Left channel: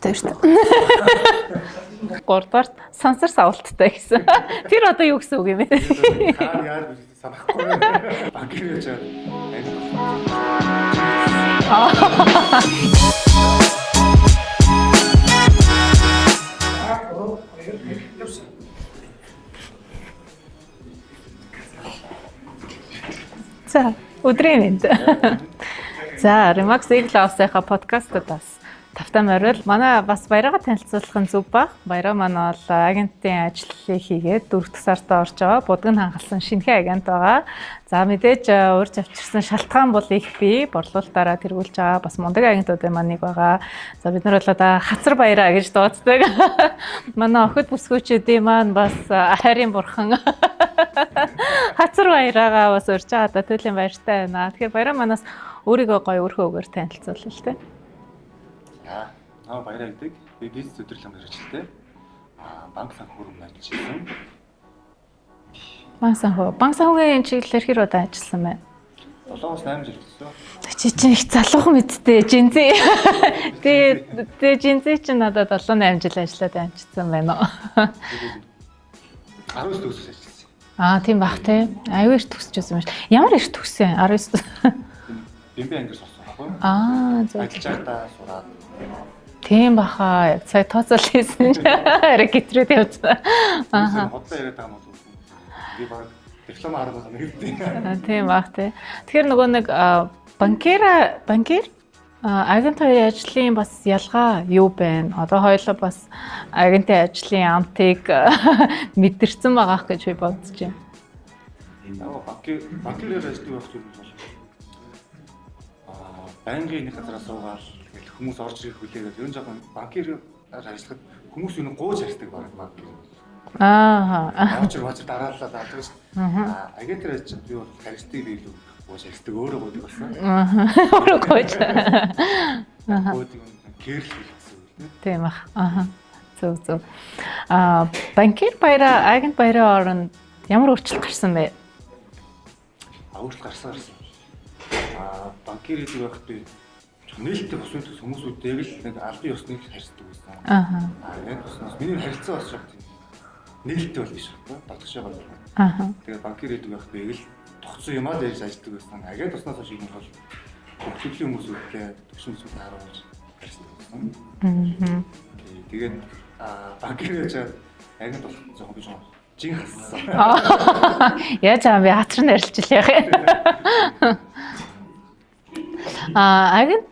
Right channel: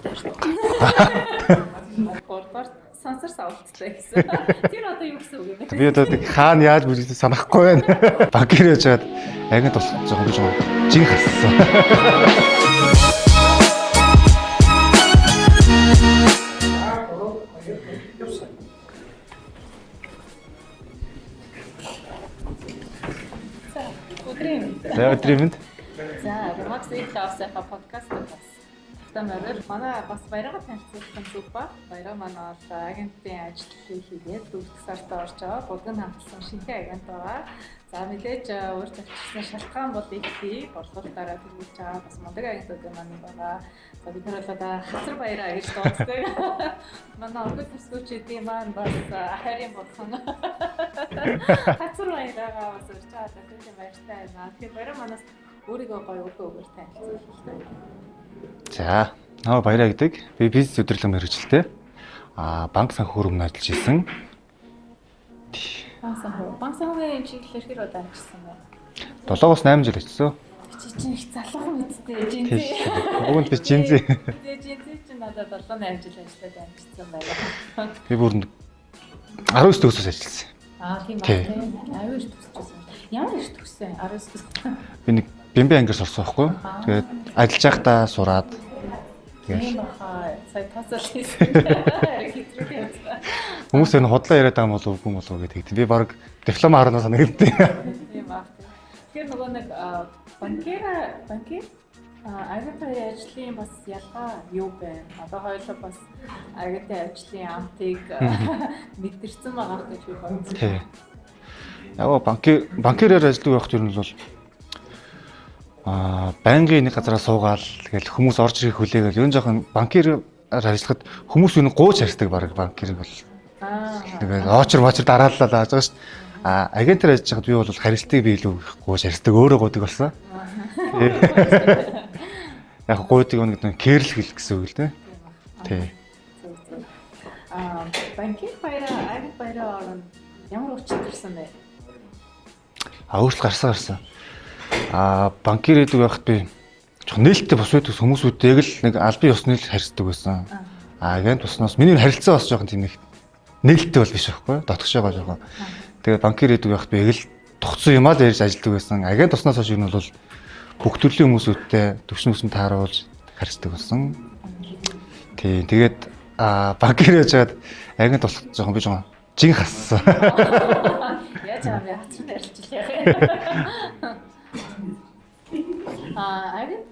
савлттай шүү дээ. 3-р сансар савлттай гэсэн. Тэр одоо юу гэсэн үг юм бэ? Би одоо хаана яаж бүжигдэж санахгүй байна. Банкир яаж чад агент болох гэж жин хассан. За, өдрийн мэнд. За, Remax Eagle-ийнхаа подкастаас тавтай морил манай бас баяраа танилцуулах нь зөв баг. Баяраа манай бол агентийн ажлыг хийгээд 4 дахь сартаа орж байгаа. Будган хангалсан шинэхэн агент байгаа. За, мэдээж урьж авчирсан шалтгаан бол их бий. Борлуулалтаараа тэргүүлж байгаа. Бас мундаг агентуудын маань нэг байгаа. За, бид нар бол одоо хацар баяраа гэж дууддаг. Манай охид бүсгүүчүүдийн маань бас хайрын бурхан хацар баяраагаа бас урьж байгаа. Одоо туйлын баяртай байна. Тэгэхээр баяраа манаас өөрийгөө гоё өрхөөгөр танилцуулъя л дээ. За, наа баяраа гэдэг. Би бизнес удирдлага мэргэжилтэй. Банк санхүү өмнө ажиллаж ирсэн. Банк санхүүгийн чиглэлээр хэр удаа ажилласан бэ? 7-8 жил ажилласан. Чи чинь их залуухан мэдтэй жинзээ. Уг нь би жинзээ. Тэгээ жинзээ чинь надад 7-8 жил ажиллаад амжсан байна уу? Би бүр 19 төгсөөс ажилласан. Тийм баг тий. Аюу их төгсчихсэн юм шиг. Ямар их төгссөн? 19. Би нэг бэмбэ ангиас орсон байхгүй. Тэгээд ажиллаж байхдаа сураад. Тийм баха. Сая тооцоол хийсэн. Арай гэтрээд явцсан. Хүмүүс энэ худлаа яриад байгаа юм болов уу гэдэг. Би баг диплом харнаа санагдав. Тийм баг тий. Тэгэхээр нөгөө нэг банкир агентын ажлын бас ялгаа юу байна? Одоо хоёулаа бас агентын ажлын амтыг мэдэрсэн байгаах гэж би бодож байна. Яг банкираар ажилладаг байхад юу нь бол байнгын нэг газараа суугаал тэгэл хүмүүс орж ирэх хүлээгээл ер нь жоохон банкираар ажиллахад хүмүүс юу гууж харьцдаг баг банкир бол. Тэгээд очор дарааллаа зааж байгаа шүү дээ. Агентаар ажиллаж байхад би бол харилцааг би илүү гууж харьцдаг өөрөө гуйдаг болсон. Өөрөө гуйж. Яг гуйдаг нэг кэрлэл гэл гэсэн үг л дээ. Тийм ах. Зөв. Банкир баяраа агент баяраа оронд ямар өөрчлөлт гарсан бэ? Өөрчлөлт гарсан. Банкир гэдэг байхад би жоохон нээлттэй бос байдаг хүмүүсүүдтэйг л нэг албан ёсны л харьцдаг байсан. Агент босноос миний харилцаа бас жоохон тийм нэг нээлттэй бол биш байхгүй дотгош байгаа жоохон. Тэгээд банкир гэдэг байхад би эгэл тогтсон юмаа л ярьж ажилладаг байсан. Агент босноос хойш юм бол бүх төрлийн хүмүүсүүдтэй төвшин өсөн тааруулж харьцдаг болсон. Тийм тэгээд банкир яаж чад агент болох жоохон би жоохон жин хассан. Яаж аа би хатар нь арилж л яах юм. Агент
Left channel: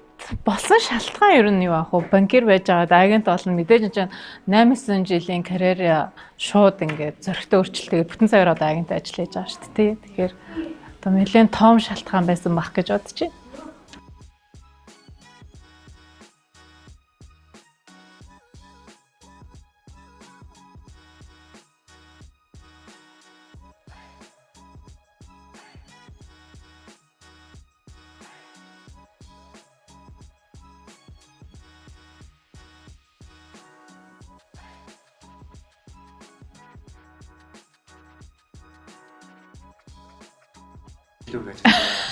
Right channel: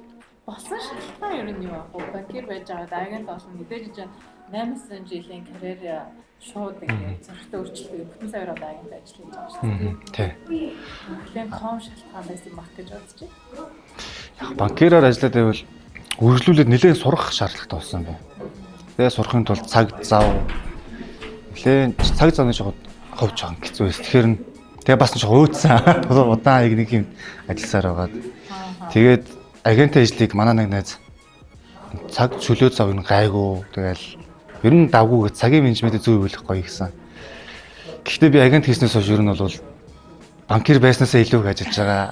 болсон шалтгаан ер нь юу аах вэ? Банкир байж байгаад агент болно мэдээж чинь 8-9 жилийн карьер шууд ингээд зөрөгтэй өөрчлөлтөд бүтэн цагаар одоо агент ажил хийж байгаа шүү дээ. Тийм. Одоо нэлээд том шалтгаан байсан бах гэж бодож байна. Яг банкираар ажиллаад байвал үргэлжлүүлээд нэлээд сурах шаардлагатай болсон байна. Тэгээ сурахын тулд цаг зав нэлээд цаг завны жоо ховж байгаа хэцүү байсан. Тэгэхээр тэгээ бас жоо өөдсөн. Удаан нэг юм ажилласаар байгаа. Тэгээд агентын ажлыг манай нэг найз цаг чөлөө зав нь гайгүй тэгэл ер нь давгүй цагийн менежментийг зөв өгөх гоё гэсэн. Гэхдээ би агент хийснээс хойш ер нь бол банкир байснаасаа илүү их ажиллаж байгаа.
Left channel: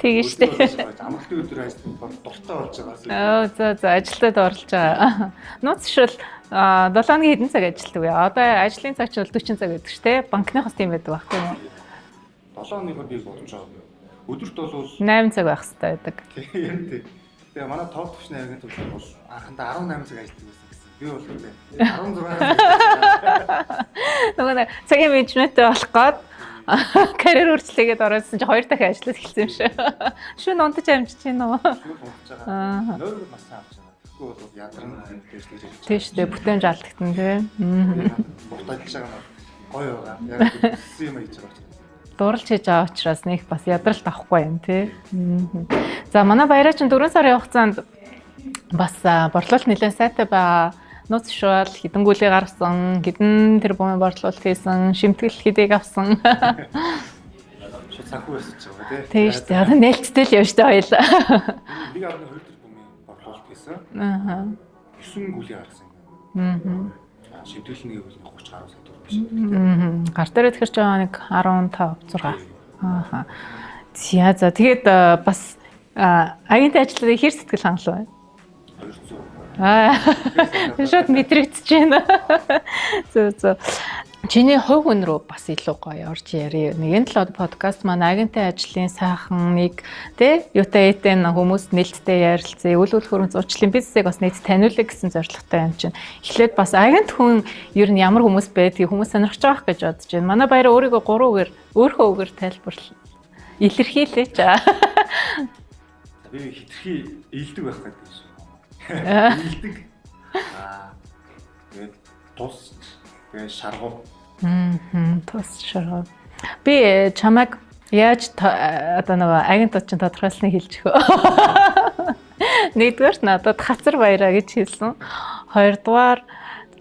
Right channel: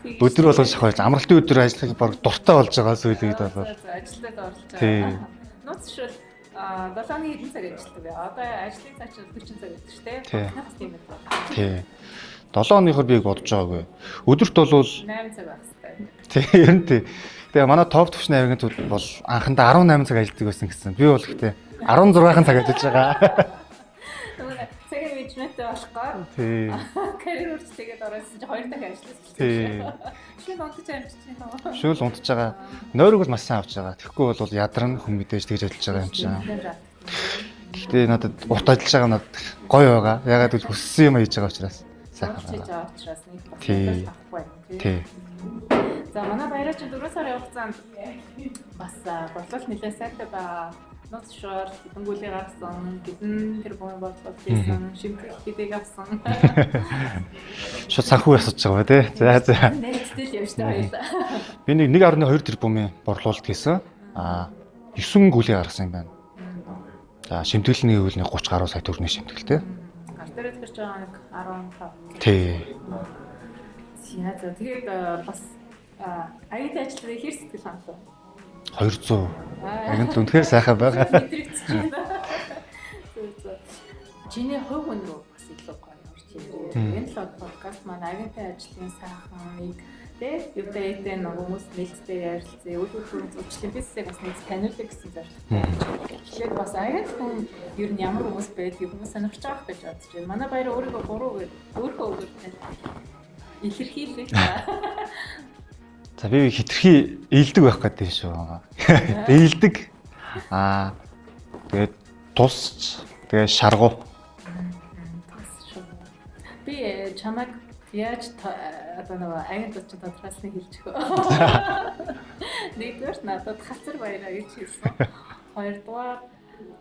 Тийм шүү. Өдөр болгож хойш амралтын өдөр ажиллахыг баг дуртай болж байгаа сүйдээ. За ажилтнууд орлож байгаа. Нууц шил 7 хоногийн хэдэн цаг ажилладаг вэ? Одоо ажлын цаг чинь 40 цаг гэдэг шүү дээ. Банкныхаас тийм байдаг баг тийм. 7 хоногоор би бодож байгаагүй. Өдөрт бол 8 цаг байх хэрэгтэй байдаг. Тийм ер нь тийм. Тэгээ манай топ төвчний агентууд бол анхандаа 18 цаг ажилладаг байсан гэсэн. Би бол гэхдээ 16 цаг ажиллаж байгаа. Нөгөө нэг цагийн менежменттэй болох гээд карьер өөрчлөлгээд орсон чи 2 дахин ажиллаж эхэлсэн юм шиг. Шүн унтаж амжиж байна уу? Шүл унтаж байгаа. Нойрог бол маш сайн авч байгаа. Тэгэхгүй бол ядарна хүн мэдээж тэгж ажиллаж байгаа юм чинь. Бүтээмж алдагдана тийм. Гэхдээ надад урт ажиллаж байгаа надад гоё байгаа. Ягаад гэвэл хүссэн юм хийж байгаа учраас. Зурлж хийж байгаа учраас нэг бас ядралт авахгүй юм тий. За манай баяраа чинь 4 сарын хугацаанд бас борлуулалт нэлээд сайтай байгаа. Нууц шуул хідэн гаргасан, хідэн тэрбумын борлуулалт хийсэн, шимтгэл хэдийг авсан. Шууд санхүү асууж байгаа тий. За нээлттэй л явж та хоёлаа. Би 1.2 тэрбумын борлуулалт хийсэн. 9 гүлээ гаргасан юм байна. За шимтгэлний үйл нэг 30 гаруй сая төгрөгийн шимтгэлтэй. Гар дээр тэгэхээр жоо нэг 15 6. За тэгээд бас агентийн ажлыг хэр сэтгэл хангалуун байна? 200. Үнэхээр сайхан байна. Шууд мэдрэгдэж байна. Зөө. Чиний хувь хүн рүү бас илүү гоё орж ярив. Нэгэн л подкаст маань агентийн ажлын сайхныг тэ юутай этэн хүмүүс нээлттэй ярилцъя. Үйл хөдлөх зурчлалын бизнесийг бас нийт таниулъя гэсэн зорилготой юм чинь. Эхлээд бас агент хүн ер нь ямар хүмүүс байдгийг хүмүүс сонирхож байгаа гэж бодож байна. Манай баяр өөрийгөө 3 үгээр өөрийнхөө үгээр тайлбарлаа. Илэрхийлээ. За би хитрхи ээлдэг байх гэдэг шүү. Ээлдэг. Тэгээд тусч тэгээд шаргуу. Тус шаргуу. Би чамайг яаж одоо нөгөө агентууд чинь тодорхойлсныг хэлж өгөө. Нэгдүгээр надад хацар баяраа гэж хэлсэн. Хоёрдугаар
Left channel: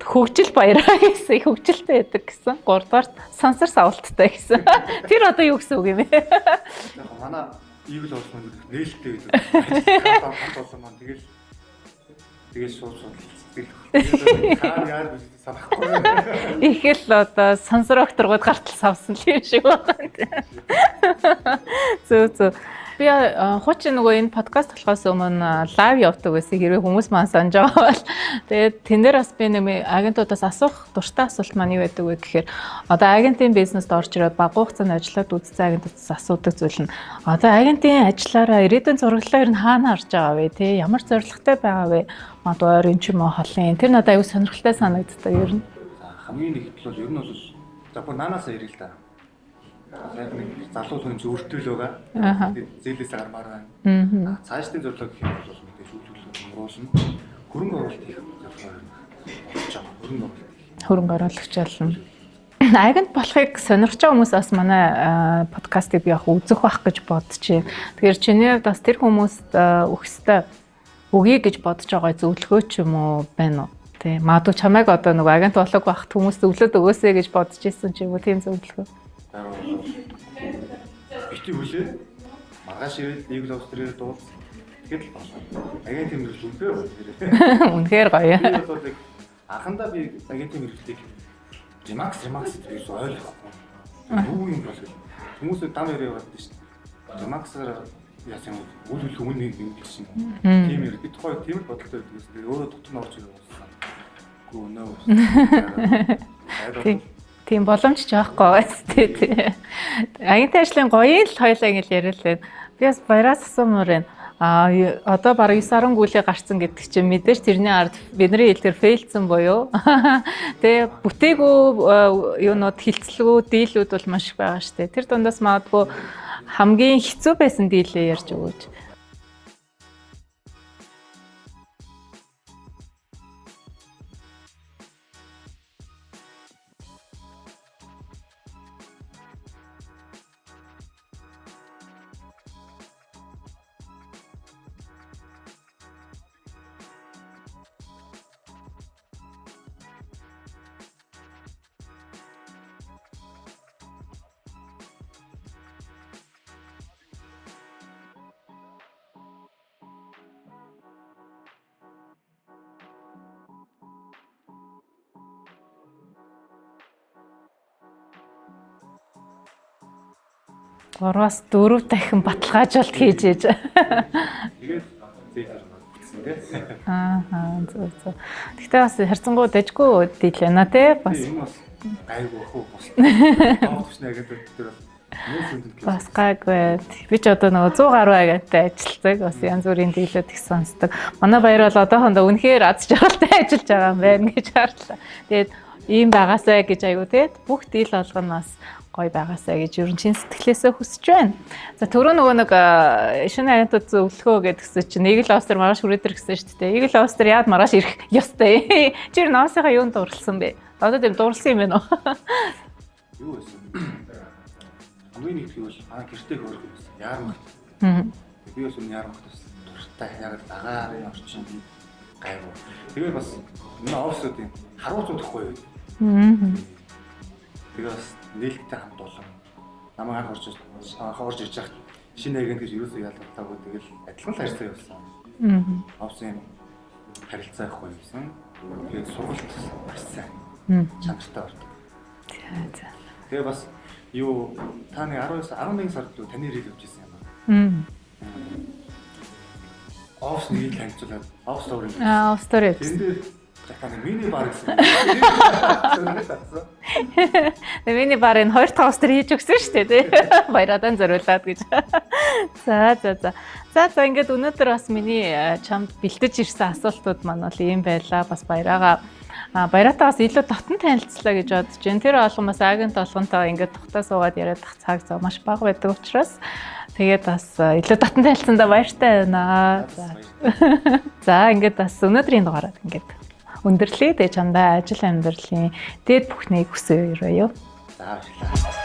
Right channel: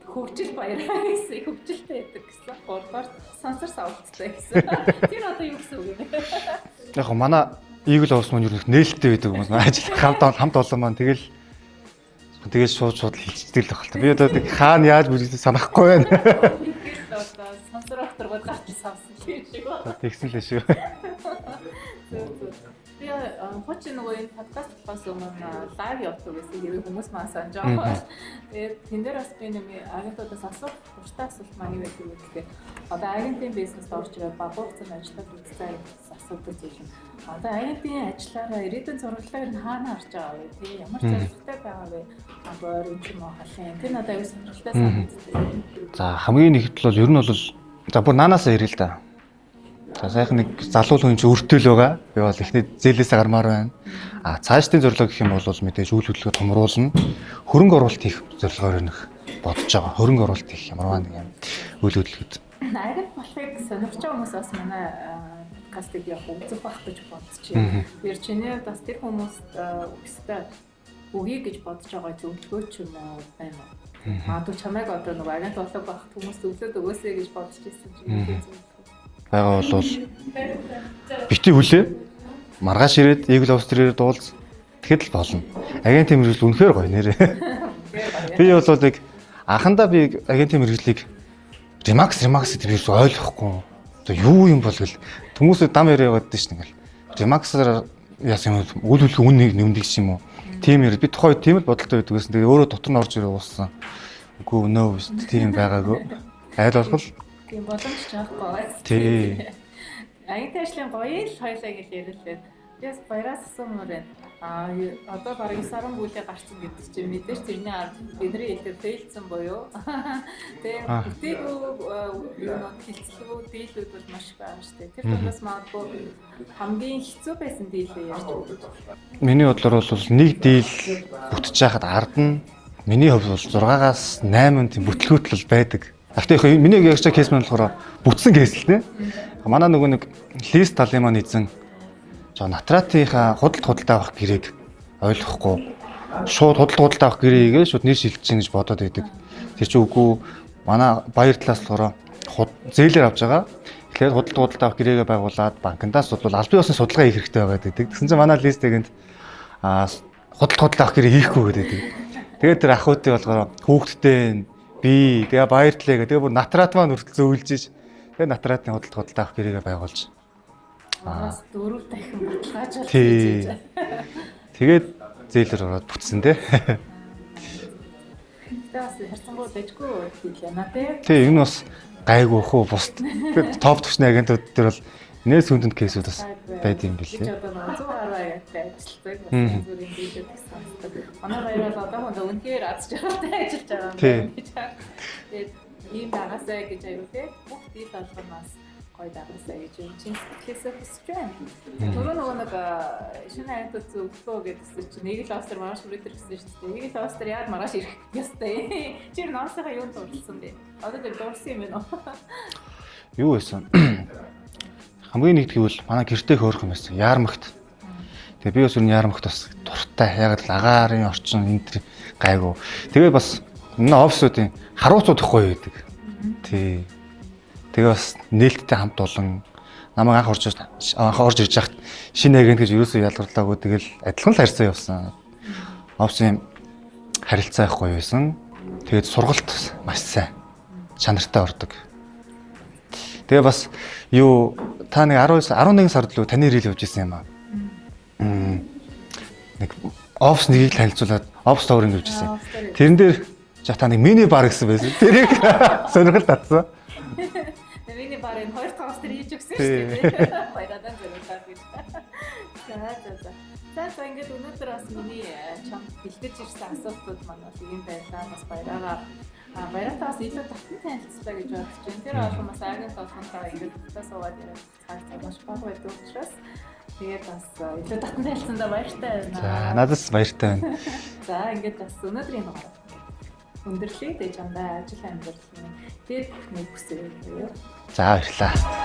хөгжил баяраа гэсэн, хөгжилтэй байдаг гэсэн. Гуравдугаар сансар савлттай гэсэн. Тэр одоо юу гэсэн үг юм бэ? Яг гоо манай Eagle House маань юу нээлттэй байдаг юм байна. Ажил хамт олон маань тэгэл шууд хийцдэг л байна. Би одоо хаана яаж бүжигдэж санахгүй байна. Их л одоо сансар окторгууд гартал савсан л юм шиг байна. Тэгсэн л шүү. Зөө. Би хуучин нөгөө энэ подкаст болохоос өмнө лайв явдаг байсан. Хэрвээ хүмүүс маань санаж байгаа бол тэгээд тэн дээр бас би нэг агентуудаас асуух дуртай асуулт маань юу байдаг вэ гэхээр одоо агентийн бизнест орж ирээд бага хугацаанд ажиллаад үзсэн агентуудаас асуудаг зүйл нь одоо агентийн ажиллаараа ирээдүйн зураглалаа ер нь хаана харж байгаа вэ те ямар зорилготой байгаа вэ одоо ойрын ч юм уу холын тэр надад аюу сонирхолтой санагддаг ер нь. За хамгийн нэгт бол ер нь бол за бүр наанаас ирээ л да. За сайхан нэг залуу хүн чи өртөл байгаа. Би бол ихний зээлээсээ гармаар байна. Цаашдын зорилго гэх юм бол мэдээж үйл хөдлөлгөө томруулна. Хөрөнгө оруулалт хийх зорилгоор нэг бодож байгаа. Хөрөнгө оруулалт хийх юм аа. Хөрөнгө оруулалт болно. Үйл хөдлөлгөд. Агент болохыг сонирхож байгаа хүмүүс бас манай подкастыг би яг үзэх байх гэж бодчихъя. Тэгэхээр чиний хувьд бас тэр хүмүүст өгсөй өгье гэж бодож байгаа зөвлөгөө ч юм уу байна уу? Тэ магадгүй чамайг одоо нөгөө агент болох байхад хүмүүст өглөөд өгөөсэй гэж бодож ирсэн ч юм уу тийм зөвлөгөө байгаа бол бити хүлээ маргааш ирээд Eagle House төрөөр дуулз тэгэхэд л болно. Агентийн мэргэжил үнэхээр гоё нэрээ. Үнэхээр гоё. Би бол яг анхандаа би агентийн мэргэжлийг Remax гэдэг би ойлгохгүй. Одоо юу юм бол гэл хүмүүсээ дам яриа яваад дээ шин ингээл. Remax-аар яасан юм үйл хөдлөх үннийг нэмдэг юм уу? Тийм яриад би тухай тийм л бодолтой байдаг гэсэн. Тэгээ өөрөө дотор нь орж ирээ ууссан. Үгүй нөө тийм байгаагүй. Айл бол тийм боломж ч байхгүй байсан тийм. Агентийн ажлын гоё л хоёлаа ингэж яриад л байна. Би бас баяраас асуумаар байна. Одоо бараг 9 10 гүйлээ гарцсан гэдэг чинь мэдээж тэрний ард бидний хэлээр фейлдсэн буюу. Тэгээ бүтээгүй юунууд хилцэлгүй дийлүүд бол маш их байгаа шүү дээ. Тэр дундаас магадгүй хамгийн хэцүү байсан дийлээ ярьж өгөөч. Миний бодлоор бол нэг дийл бүтэж байхад ард нь миний хувьд бол 6-аас 8 тийм бүтлгүүтэл байдаг. Гэхдээ миний яг кейс маань болохоор бүтсэн кейс л нэ. Манай нөгөө нэг лист талын маань эзэн Натратынхаа худалдаа авах гэрээг ойлгохгүй шууд худалдаа авах гэрээгээ шууд нэр шилжиж чинь гэж бодоод байдаг. Тэр чинь үгүй манай баяр талаас болохоор зээлээр авч байгаа. Тэгэхээр худалдаа авах гэрээгээ байгуулад банкндаас бол аль биесны судалгаа хийх хэрэгтэй байгаа гэдэг. Тэгсэн чинь манай листэгэнд худалдаа авах гэрээ хийхгүй гэдэг. Тэгээд тэр ахуйтай болохоор хүүхдтэй би тэгээ баяр талаа гэдэг. Тэгээ бүр натрат маань хүртэл зөөлж ш. Тэгээ натратын худалдаа авах гэрээгээ байгуулж 3-аас 4 дахин баталгаажуулалт хийж ээж. Тэгээд зээлэр ороод бүтсэн те. Зөв. Гэхдээ бас харьцангуй дэжгүй дийл байна те. Тийм энэ бас гайгүй хөө бус топ төвчний агентууд дээр бол нээс хүндэн кейсүүд бас гайгүй. Би ч одоо нөгөө 100 гаруй агенттай ажилладаг. Бас янз бүрийн дийлүүд их сонсдог. Манай баяр бол одоохондоо үнэхээр аз жаргалтай ажиллаж байгаа юм байна гэж харлаа. Тэгээд ийм байгаасай гэж айгу те. Бүх дийл болгоноос гоё байгаасаа гэж ер нь чин сэтгэлээсээ хүсэж байна. За түрүү нөгөө нэг шинэ агентууд зөвлөхөө гэдгсэн чинь Eagle House-ээр маргааш хүрээд ирсэн шүү дээ. Eagle House-ээр яад маргааш ирэх ёстой. Чи наасынхаа юунд дурлсан бэ? Одоо тийм дурлсан юм байна уу? Юу байсан? Хамгийн нэгд гэвэл манай гэртээ хөөрөх юм байсан. Яармагт. Тэгээ би бас ер нь яармагт бас дуртай. Яг л агаарын орчин энэ төр гайгүй. Тэгээ бас энэ офисуудын харуулцууд ихгүй байдаг. Тий. Тэгээ бас нээлттэй хамт олон намайг анх орж ирж хахад шинэ агент гэж юусоо ялгарлаагүй тэгэл адилхан л харьцаа явсан. Офсын харилцаа их гоё байсан. Тэгээд сургалт маш сайн. Чанартай ордог. Тэгээ бас юу та нэг 11 сард л таны ирэл явж исэн юм аа. Нэг офс нэгийг танилцуулаад офс товрын гэвчихсэн. Офс товрын. Тэрэн дээр та нэг мини бар гэсэн байсан. Тэрийг сонирхол татсан. Тэгээ миний барын 2 тостер хийж өгсөн шүү дээ тий. Баярадан зориулаад гэж. За ингээд өнөөдөр бас миний чамд бэлтэж ирсэн асуултууд маань бол ийм байлаа. Бас баяратаа бас илүү дотн танилцлаа гэж бодож байна. Тэр болгон бас агент болгонтой ингээд тогтоо суугаад яриад цаг зав маш бага байдаг учраас тэгээд бас илүү дотн танилцсандаа баяртай байна. Надад баяртай байна. За ингээд бас өнөөдрийн дугаараар ингээд өндөрлөө. Тэгээ чамдаа ажил амьдралын дээд бүхнийг хүсье юу? За баярлалаа.